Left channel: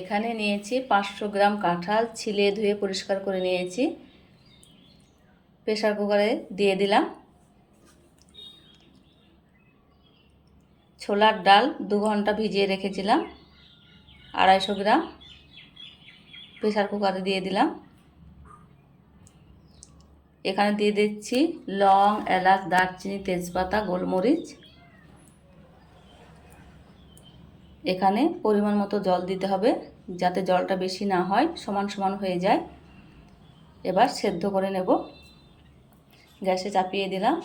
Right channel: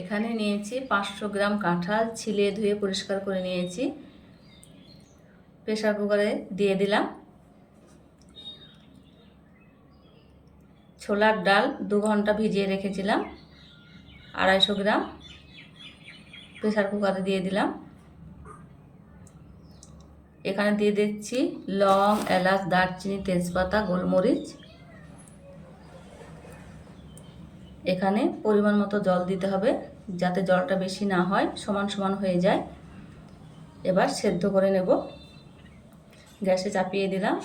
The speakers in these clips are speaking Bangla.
এখানে নিয়েছি পাঁচশো গ্রাম কাঁঠাল, ছিলে ধুয়ে পরিষ্কার করে নিয়েছি। প্রেশার কুকারে দিয়ে দিলাম। ছোলার ডাল দু ঘণ্টা ভিজিয়ে রেখেছিলাম, আড়াইশো গ্রাম। প্রেশার কুকারে দিয়ে দিলাম। এখানে দিয়ে দিচ্ছি লং, এলাচ, দারচিনি, তেজপাতা, গোলমরিচ। এখানে পরিমাণ মতো জল দিতে হবে যাতে জলটা বেশি না হয়, সমান সমান হয়ে যায়। এবার সেদ্ধ করে নেব। গ্যাসে চাপিয়ে দিলাম।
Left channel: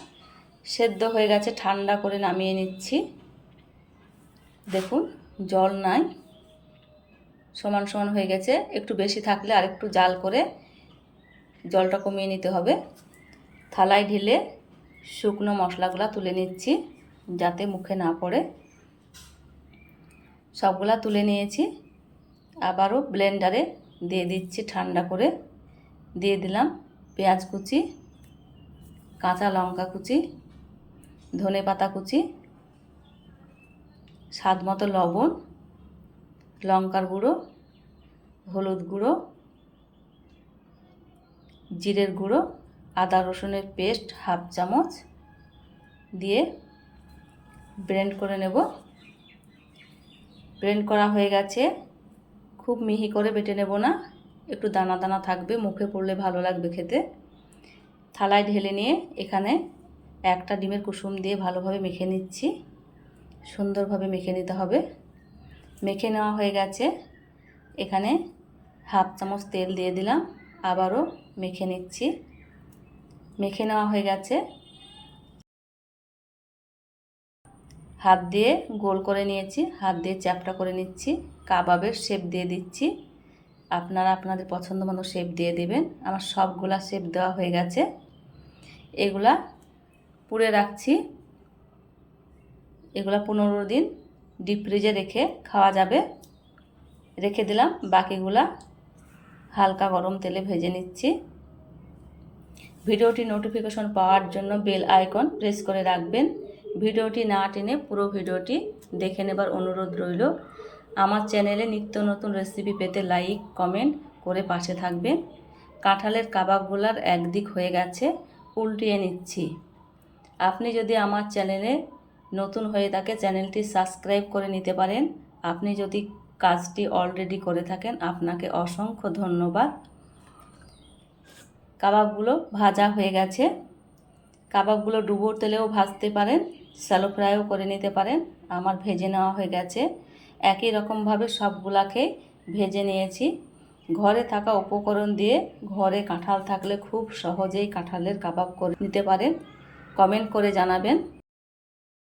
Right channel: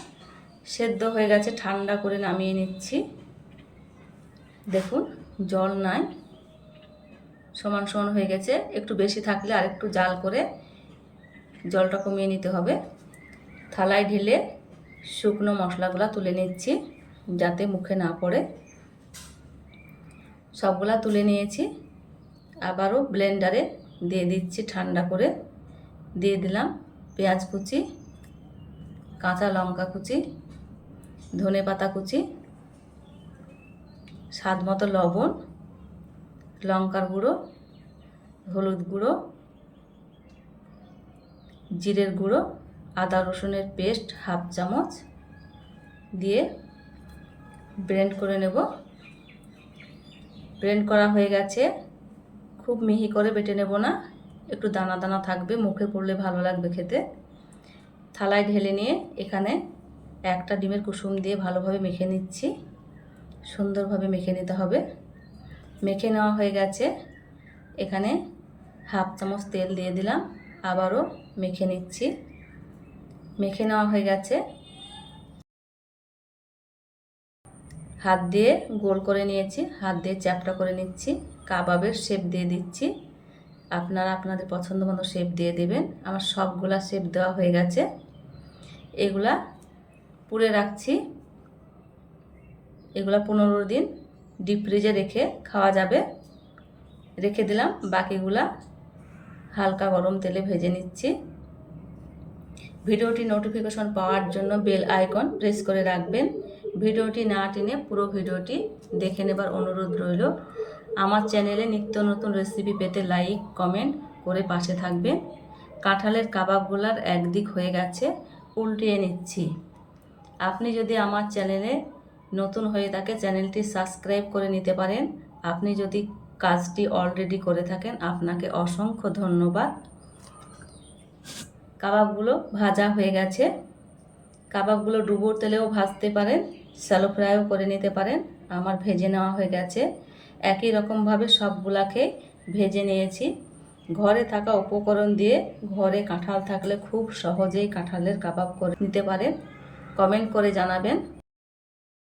সেদ্ধ হয়ে গেছে, ঠান্ডা করে নামিয়ে নিচ্ছি। দেখুন, জল নাই। সমান সমান হয়ে গেছে। একটু বেশি থাকলে আর একটু জাল করে জলটা কমিয়ে নিতে হবে। থালায় ঢেলে শুকনো মশলাগুলো তুলে নিচ্ছি যাতে মুখে না পড়ে। সবগুলা তুলে নিয়েছি। আবারও ব্লেন্ডারে দিয়ে দিচ্ছি ঠান্ডা করে। দিয়ে দিলাম পেঁয়াজ কুচি, কাঁচা লঙ্কা কুচি, ধনে পাতা কুচি, স্বাদ মতো লবণ, লঙ্কার গুঁড়ো, হলুদ গুঁড়ো, জিরের গুঁড়ো, আদা রসুনের পেস্ট হাফ চামচ দিয়ে ব্লেন্ড করে নেব। ব্লেন্ড করা হয়ে গেছে। খুব মিহি করে বেটে নেব না। একটু দানা দানা থাকবে, মুখে পড়লে ভালো লাগবে খেতে। থালায় ঢেলে নিয়ে এখানে একটা ডিমের কুসুম দিয়ে ভালোভাবে মেখে নিচ্ছি। সুন্দরভাবে মেখে নিতে হবে। মেখে নেওয়া হয়ে গেছে। এখানে হাফ চামচ তেল দিয়ে দিলাম। আবারও মেখে নিচ্ছি। মেখে নেওয়া হয়ে গেছে। হাত দিয়ে গোল করে নিয়েছি, হাত দিয়ে চ্যাপটা করে নিচ্ছি, কাবাবের শেপ দিয়ে দিচ্ছি। আপনারা আপনাদের পছন্দ মতো শেপ দিয়ে দেবেন। আমার সবগুলা শেপ দেওয়া হয়ে গেছে। এগুলা পুড়ে রাখছি। এগুলা পনেরো দিন ডিপ ফ্রিজে রেখে খাওয়া যাবে। রেখে দিলাম। বাকিগুলা হালকা গরম তেলে ভেজে নিচ্ছি। ভিডিওটি নোটিফিকেশন পাওয়ার জন্য বেল আইকন প্রেস করে রাখবেন। ভিডিওটি না টেনে পুরো ভিডিওটি দেখে নেবার অনুরোধ রইল। আমার চ্যানেলে নিত্য নতুন রেসিপি পেতে লাইক, কমেন্ট করে পাশে থাকবেন কাঁঠালের কাবাবগুলার একদিক হয়ে গেছে, উল্টিয়ে নিচ্ছি। আপনি যদি আমার চ্যানেলে নতুন হয়ে থাকে, চ্যানেলটি সাবস্ক্রাইব করে নিতে পারেন। আপনি যদি কাজটি অলরেডি করে থাকেন, আপনাকে অসংখ্য ধন্যবাদ। কাবাবগুলো ভাজা হয়ে গেছে। কাবাবগুলো ডুবোর তেলেও ভাজতে পারেন। স্যালো ফ্রাইও করে নিতে পারেন। আমার ভেজে নেওয়া হয়ে গেছে। একই রকমভাবে সবগুলাকে ভেজে নিয়েছি। ঘরে থাকা উপকরণ দিয়ে ঘরে কাঁঠাল থাকলে খুব সহজেই কাঁঠালের কাবাব করে নিতে পারেন। কমেন্ট করে জানাবেন।